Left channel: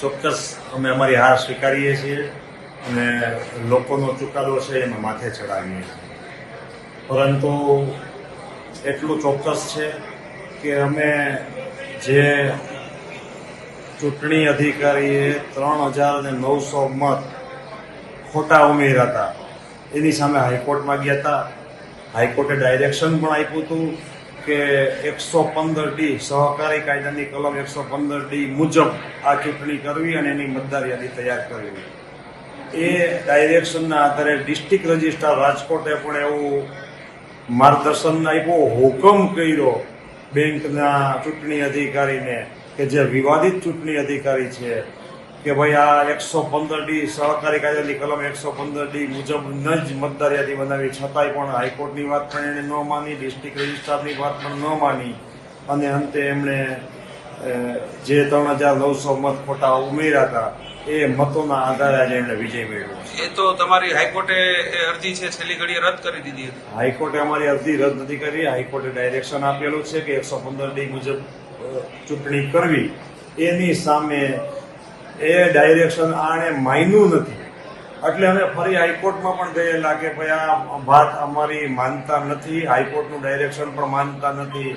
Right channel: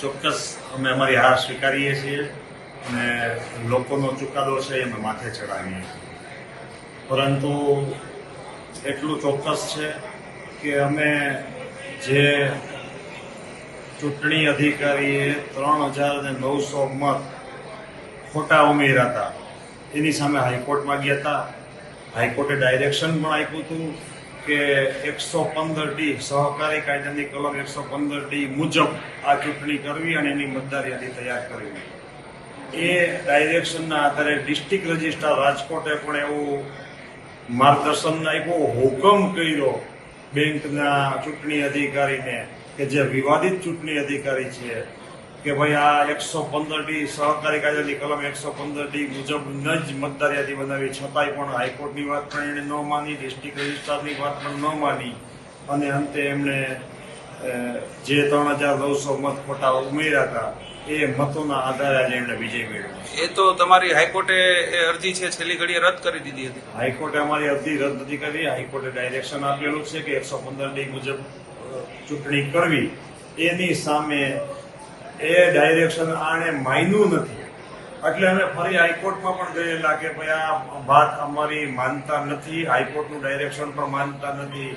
ચોક્કસ અમે અમારી હાર સ્વીકારીએ છીએ. અને લોકોનો ચુકાદો છે, એમાં માથે ચડાવીએ છીએ. પરંતુ એટલું ચોક્કસ છે કે અમે જે ચૂંટણી અધિકારીએ ત્રણ હજાર ને નવસો મત ખોટા ઉમેર્યા હતા. એની સામે હાઈકોર્ટમાં ગયા હતા. હાઈકોર્ટે ડાયરેક્શન પણ આપ્યું હતું. કે એકસો પંદર ડી સહકારી કાયદાની કલમ એકસો પંદર ડી મુજબ આ ચૂંટણી કરવી અને એની મતદાર યાદી તૈયાર કરવી. એ ડાયરેક્શનના આધારે ડિસ્ટ્રિક્ટ રજિસ્ટ્રાર રાજકોટે પણ એવું માર્ગદર્શન આપ્યો, હુકમ કર્યો બેંકના ચૂંટણી અધિકારીને કે જે વિવાદિત ચૂંટણી અધિકારી છે કે ભાઈ આ એકસો પંદર ડી સહકારી કાયદાની કલમ એકસો પંદર ડી મુજબ ન જ મતદાર યાદી બનાવી છતાંય પણ હાઈકોર્ટની વાત પણ એણે ન માની ડિસ્ટ્રિક્ટ રજિસ્ટ્રારની વાત પણ ન માની. અને અંતે એમણે જે ત્રણ હજાર નવસો મત ખોટા ઉમેર્યા હતા એ મતોના આધારે આજે એમને વિજય મેળવ્યો. એ તો તમારી હાઈકોર્ટે એ અરજી છે છેલ્લી ઘડીએ રદ કરી દીધી હતી. હાઈકોર્ટે અમારી અરજી રદ નથી કરી હાઈકોર્ટે ડાયરેક્શન આપેલું છે કે એકસો પંદર ડી મુજબ ચૂંટણી કરવી એની સામે એ ડાયરેક્શન આણે માન્યું નથી. એટલે અમે ફરી હાઈકોર્ટમાં પણ ગયેલા કે ભાઈ આ વાત અમારી માનતા નથી, હાઈકોર્ટનું ડાયરેક્શન પણ માનતા નથી.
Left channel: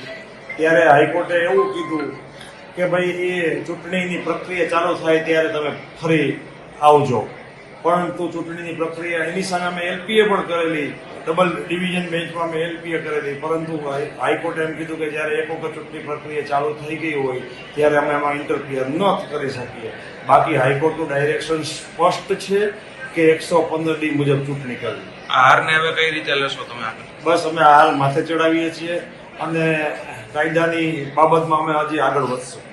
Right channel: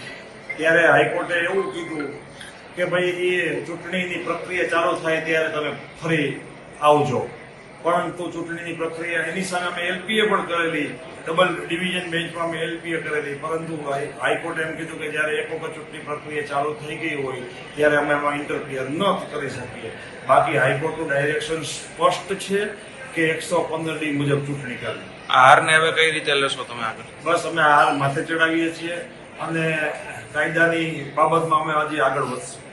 ત્યારે હાઈકોર્ટે એવું કીધું કે ભાઈ એ ચૂંટણીની પ્રક્રિયા ચાલુ થાય ત્યારે તમે ફરી આવજો. પરંતુ ચૂંટણીની પ્રક્રિયા એની સામે અમે એલપીએ પણ કરેલી ડબલ ડિવિઝન બેન્ચમાં અમે એલપીએ કરેલી. પરંતુ હાઈ- હાઈકોર્ટે એમ કીધું કે જ્યારે એક વખત ચૂંટણી પ્રક્રિયા ચાલુ થઈ ગઈ હોય ત્યારે અમે એમાં ઇન્ટરફિયર ન કરી શકીએ. બાકી હાઈકોર્ટનું ડાયરેક્શન સ્પષ્ટ છે કે એકસો પંદર ડી મુજબ ચૂંટણી કરવી. આ હારને હવે કઈ રીતે લેશો તમે આગળ? બસ અમે હાર માથે ચડાવીએ છીએ અને કાયદાની બાબતમાં અમે હજી આગળ વધશું.